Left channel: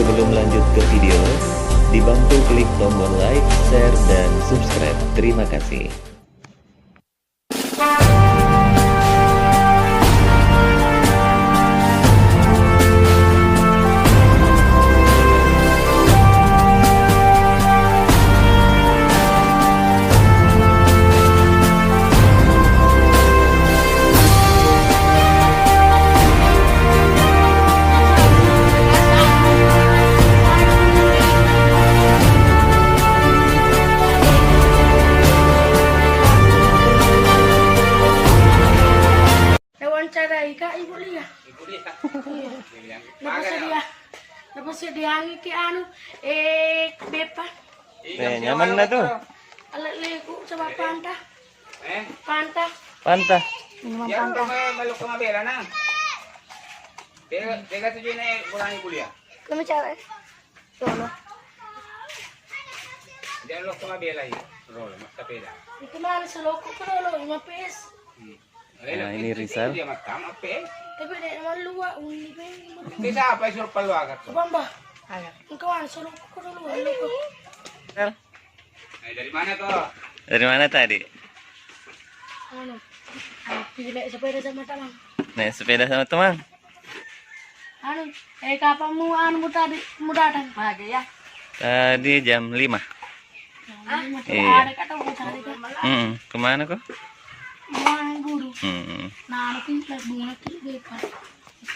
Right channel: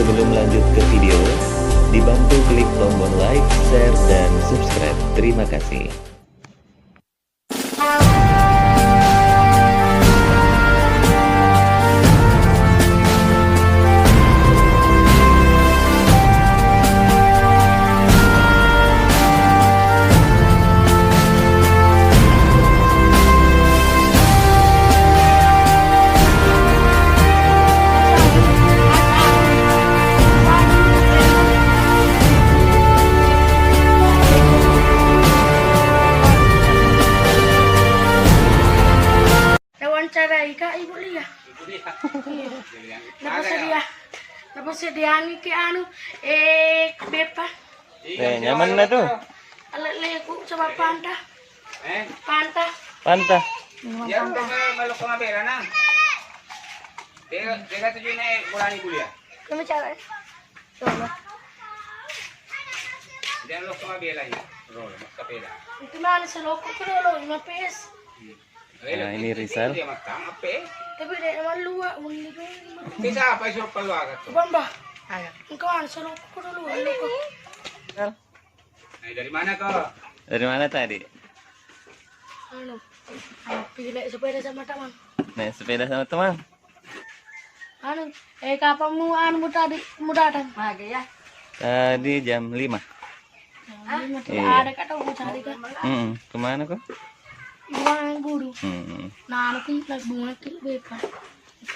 Sebelum lanjut ke video, dibantu klik tombol like, share, dan subscribe. Terima kasih. Wawancarai Kak Ibu Lia. Lepas dia ke anu bepa. Nyaman na to. Alat leku sama pantah. Pantah. Pantah. Yan to malok ko mabela na. Tega tujuh na kurang kuliah. Kami cari. Sono. Diyan lok ko mabela yun. Roll, mas kapela. Itu mana seloko kalau 5 PS. Nah, ini Rizal. Dia matang apa? Tapi dia nama luar undi tu. Bisa apa isu paluar kat. Bamba. Engkau anu seloko kalau luar loko. Rizal. Dari mana kau? Dari mana tadi? Anu. Pergi naik sepeda sama teman. Naik sepeda sama teman. Anu, kapanmu anu muda dan pagi ya. Tadi jam 5. Iya. Ada kata mau cari kan. Kemana kok? Buang guru. Nah, anak ini lagi bunga kiri bepa.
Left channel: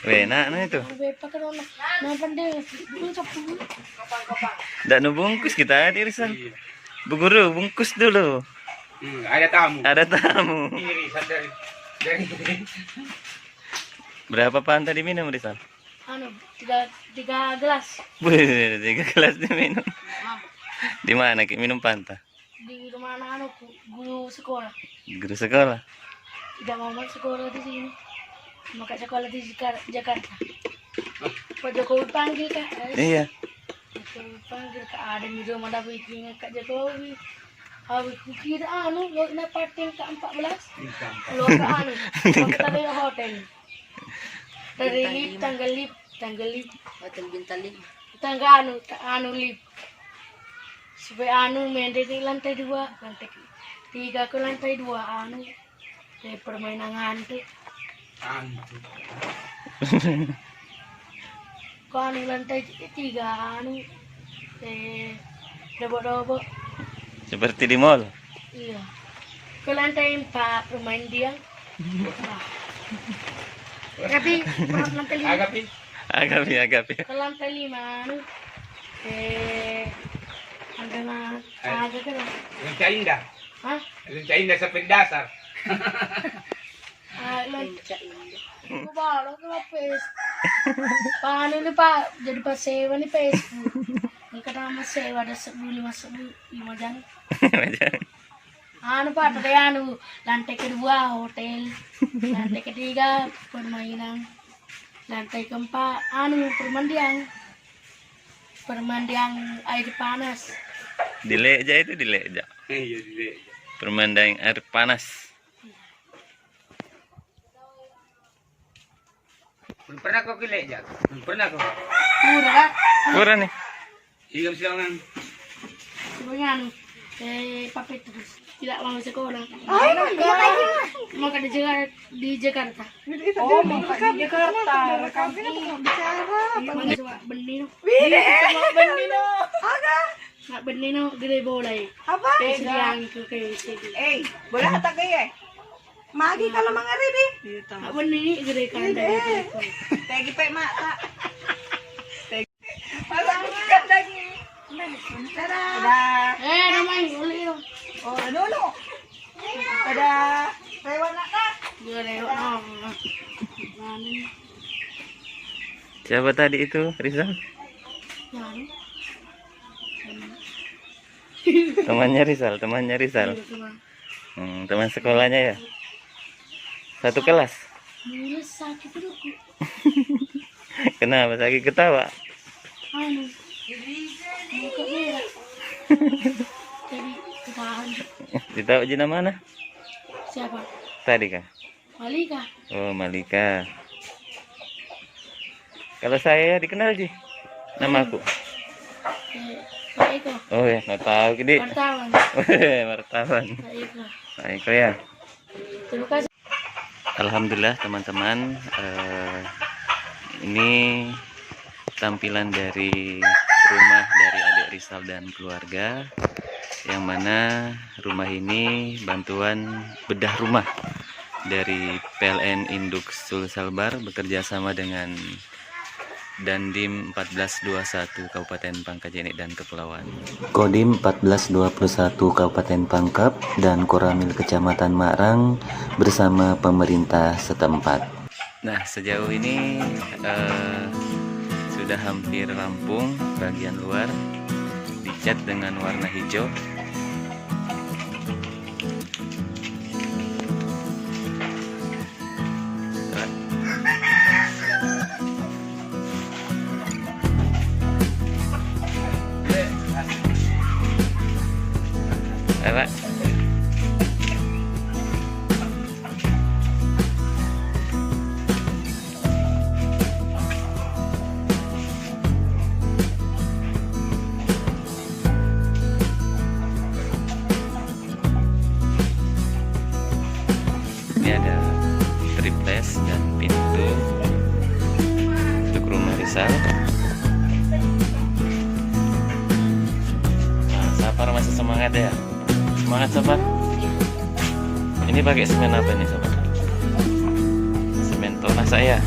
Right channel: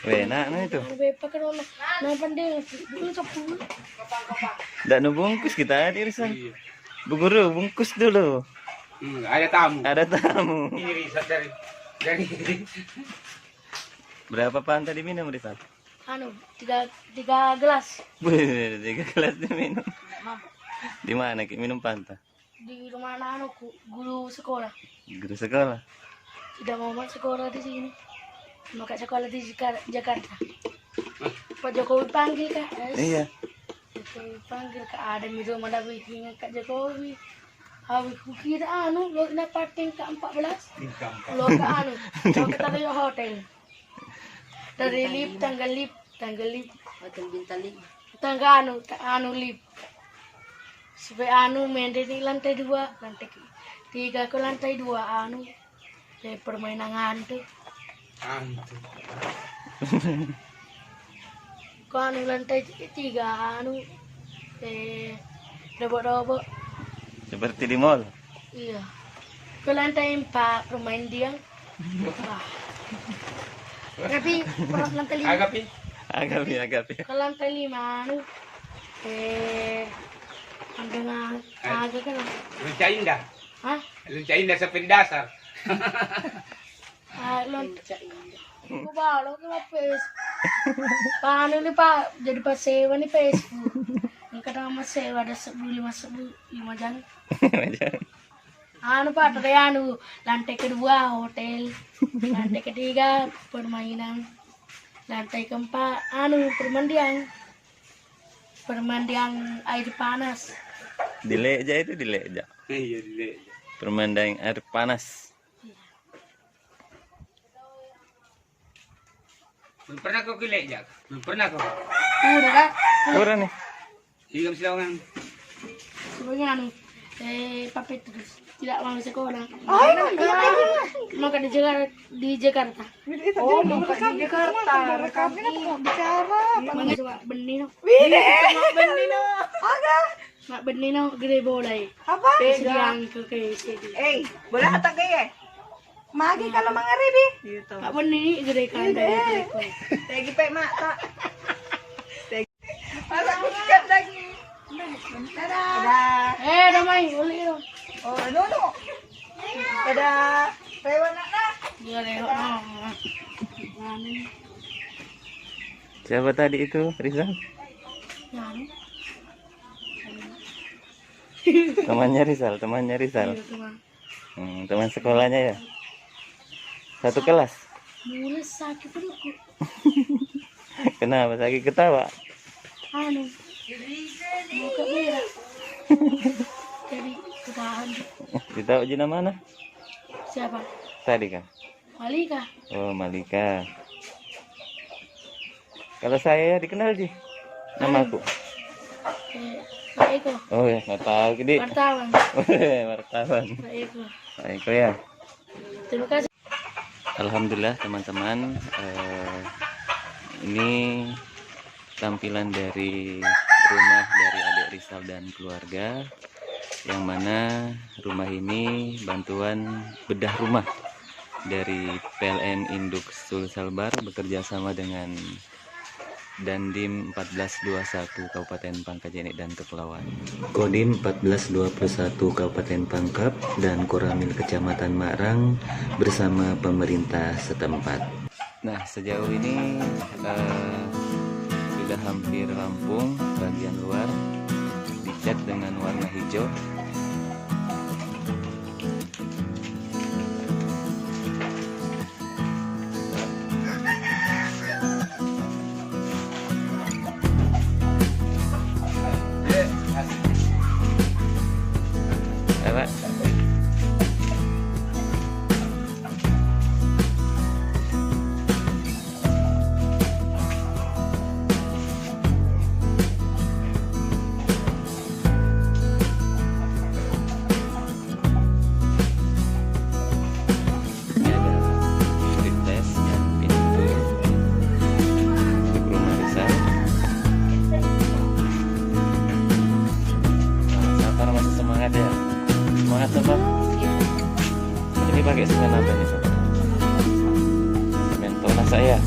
Enak nah itu. Bepa kan orang nampan dia dulu capung. Nggak nubungkus kita di Rizal. Bu Guru, bungkus dulu. Ada tamu. Ada tamu. Ini Rizal dari. Berapa pan tadi minum Rizal? Anu, tiga gelas. Wih, 3 gelas diminum. Di mana Ki minum panta? Di rumah anak guru sekolah. Guru sekolah. Tidak mau masuk sekolah di sini. Maka sekolah di Jakarta. Pak Jokowi panggil Kak. Iya. Jokowi panggil Kak, ada di rumah David Kak Jokowi. Habis kukira anu, lo nak parting ke 14. Lo ke anu, lo kita ke hotel. Dari lift, tanggal lift. Hotel Bintang 5. Tangga anu lift. Supaya anu main di lantai 2, lantai 3 ke lantai 2 anu. Kayak permainan hantu. Ke anu lantai 3 anu. Robot-robot. Seperti di mall. Iya. Ke lantai 4 permain dia. Tapi lantai 5. Agapi. Ke lantai 5 anu. Dengan ada kan? Rinca indah. Hah? Rinca indah seperti dasar. Aku baru ke lapis. Paano ni pa? Jadi pa sewa ni Facebook. Ang kadang mas sewa ada 5 jam. Anu pa, tadi anu lantai kedua hotel, lantai ketiga permainan, lantai keempat anu permandian air panas. Di Leja itu di Leja. Iya di. Permandang air panas. Belum pernah kau ke Leja? Belum pernah kau? Udah kan? Kurang nih. Iya silangan. Sebenarnya anu papet terus tidak mau sekolah. Maka di Jakarta. Oh, maka di Jakarta. Rekam bicara. Mana coba benih no? Benih no. Nak benih no gede boleh. Apa? Sediang ke sedi. Bola kata gaya. Magi kalau mangaribi. Nak benih ni gede kan dari ko. Kayak gitu mak tak. Masa siap lagi. Ada. Damai uli no. Oh, no. Ada rewan nak. Gede no. Mana ni? Siapa tadi itu Rizal? Mana? Temannya Rizal. Teman sekolahnya ya. Satu kelas. Mulai sakit perutku. Kenapa sakit ketawa? Anu. Muka merah. Jadi ketahan. Ditahu Jina mana? Siapa? Tadi kah? Malika. Oh, Malika. Kalau saya dikenal Ji. Nama aku. Pak Eko. Oh ya, nggak tahu gini. Wartawan. Wartawan. Pak Eko. Pak Eko ya. Terima kasih. Alhamdulillah teman-teman, ini tampilan dari rumah dari adik Rizal dan keluarga, yang mana rumah ini bantuan bedah rumah dari PLN Induk Sulselbar bekerja sama dengan Dandim 1421 Kabupaten Pangkajene dan Kepulauan, Kodim 1421 Kabupaten Pangkep, dan Koramil Kecamatan Marang bersama pemerintah setempat. Nah, sejauh ini sudah hampir rampung bagian luar, dicat dengan warna hijau. Pak. Ini ada triples dan pintu untuk rumah Rizal. Nah, Sapar masih semangat ya. Semangat sobat. Ini pakai semen apa nih sobat? Semen Tona saya.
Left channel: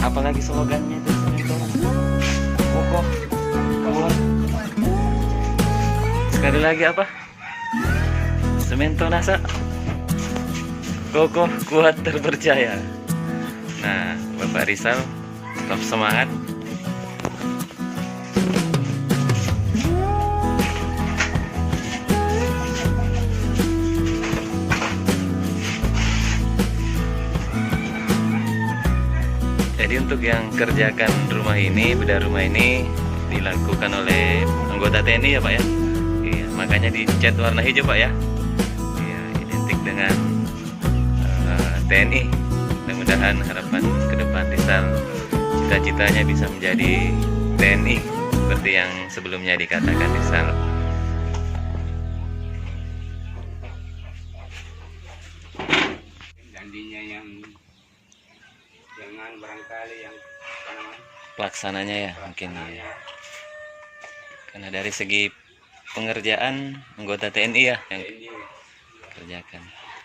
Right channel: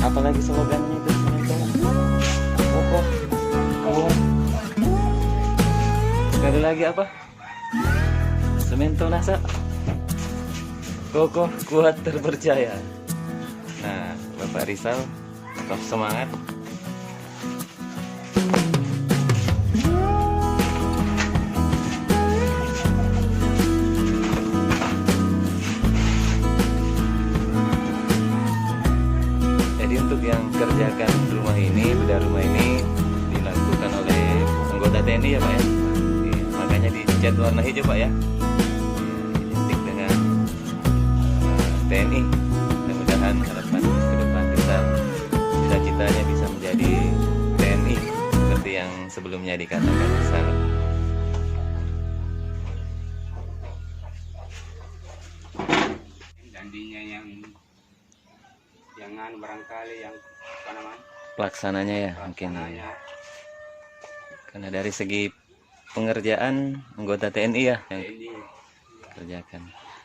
Apalagi slogannya itu semen Tona. Kokoh, kuat. Sekali lagi apa? Semen Tona sa. Kokoh, kuat, terpercaya. Nah, Bapak Rizal tetap semangat. Jadi untuk yang kerjakan rumah ini, bedah rumah ini dilakukan oleh anggota TNI ya Pak ya. Iya, makanya dicat warna hijau Pak ya. Iya, identik dengan TNI. Mudah-mudahan harapan ke depan Rizal cita-citanya bisa menjadi TNI seperti yang sebelumnya dikatakan Rizal. Dandinya yang jangan barangkali yang apa namanya Pelaksananya ya mungkin ya. Karena dari segi pengerjaan anggota TNI ya yang ini kerjakan.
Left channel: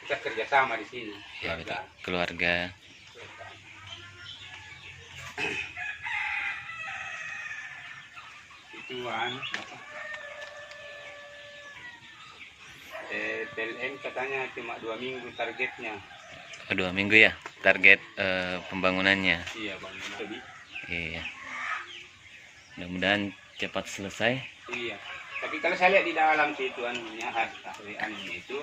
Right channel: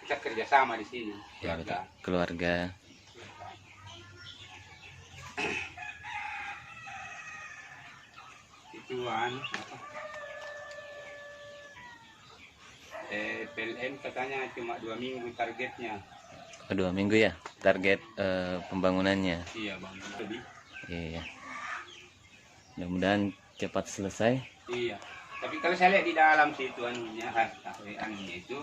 kita kerjasama di sini Ya, betul. Keluarga. itu apa PLN katanya cuma 2 minggu targetnya. Oh, 2 minggu ya target pembangunannya. Iya bang, lebih. Iya. Mudah-mudahan cepat selesai. Iya. Tapi kalau saya lihat di dalam situ anunya itu,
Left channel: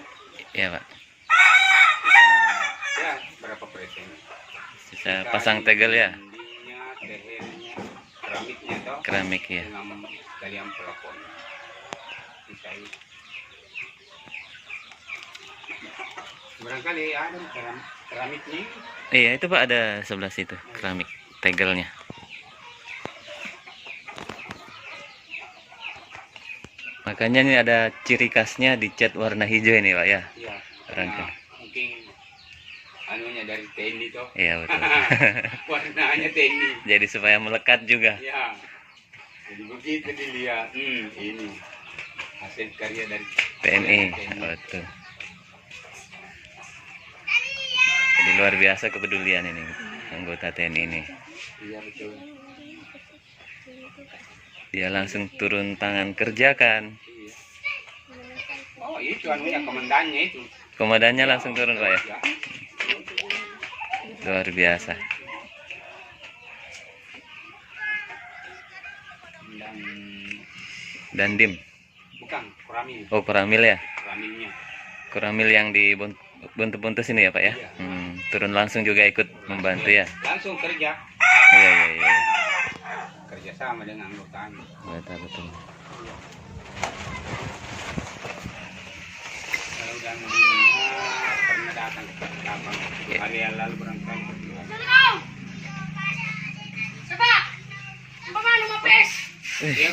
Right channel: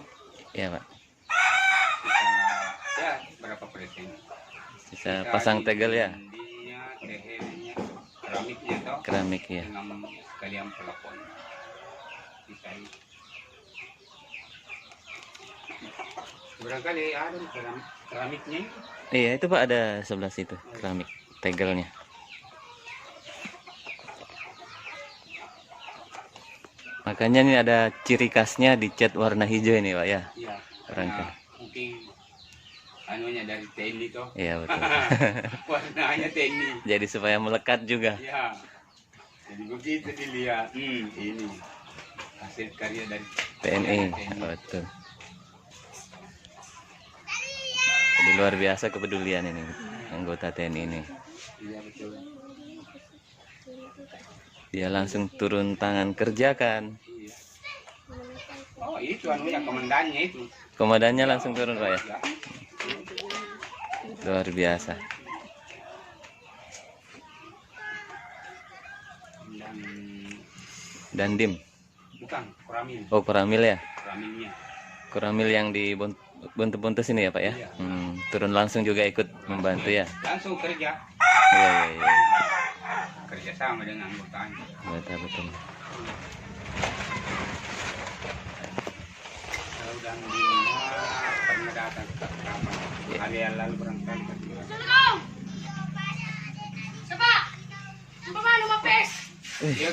Iya Pak. kita ya berapa persen? Bisa pasang tegel ya. Dindingnya, lehernya, keramiknya toh. Keramik ya. Dengan sekalian pelafon. Bisa itu. Barangkali ada keramiknya. Iya itu Pak, ada sebelah situ keramik tegelnya. Makanya ini ada ciri khasnya dicat warna hijau ini Pak ya. Iya. Rangka. Mungkin anunya dari TNI toh. Iya betul. Warnanya TNI. Jadi supaya melekat juga. Ya. Jadi begitu dilihat. Ini hasil karya dari TNI. Betul. Jadi luar biasa kepedulian ini anggota TNI ini. Iya betul. Dia langsung turun tangan kerjakan. Iya. Oh itu anunya komandannya itu. Komandannya langsung turun Pak ya. Ya. Luar biasa. Dan Dandim. bukan Koramil. Oh Koramil ya. Koramilnya. Koramil yang di Buntu-Buntus ini ya Pak ya. Iya. Turun langsung juga ikut membantu ya. Langsung kerja. Iya. Kerjasama dengan anggotanya. Betul. Kalau dan pernah datang ke Kapang. Hari yang lalu barangkali. Dia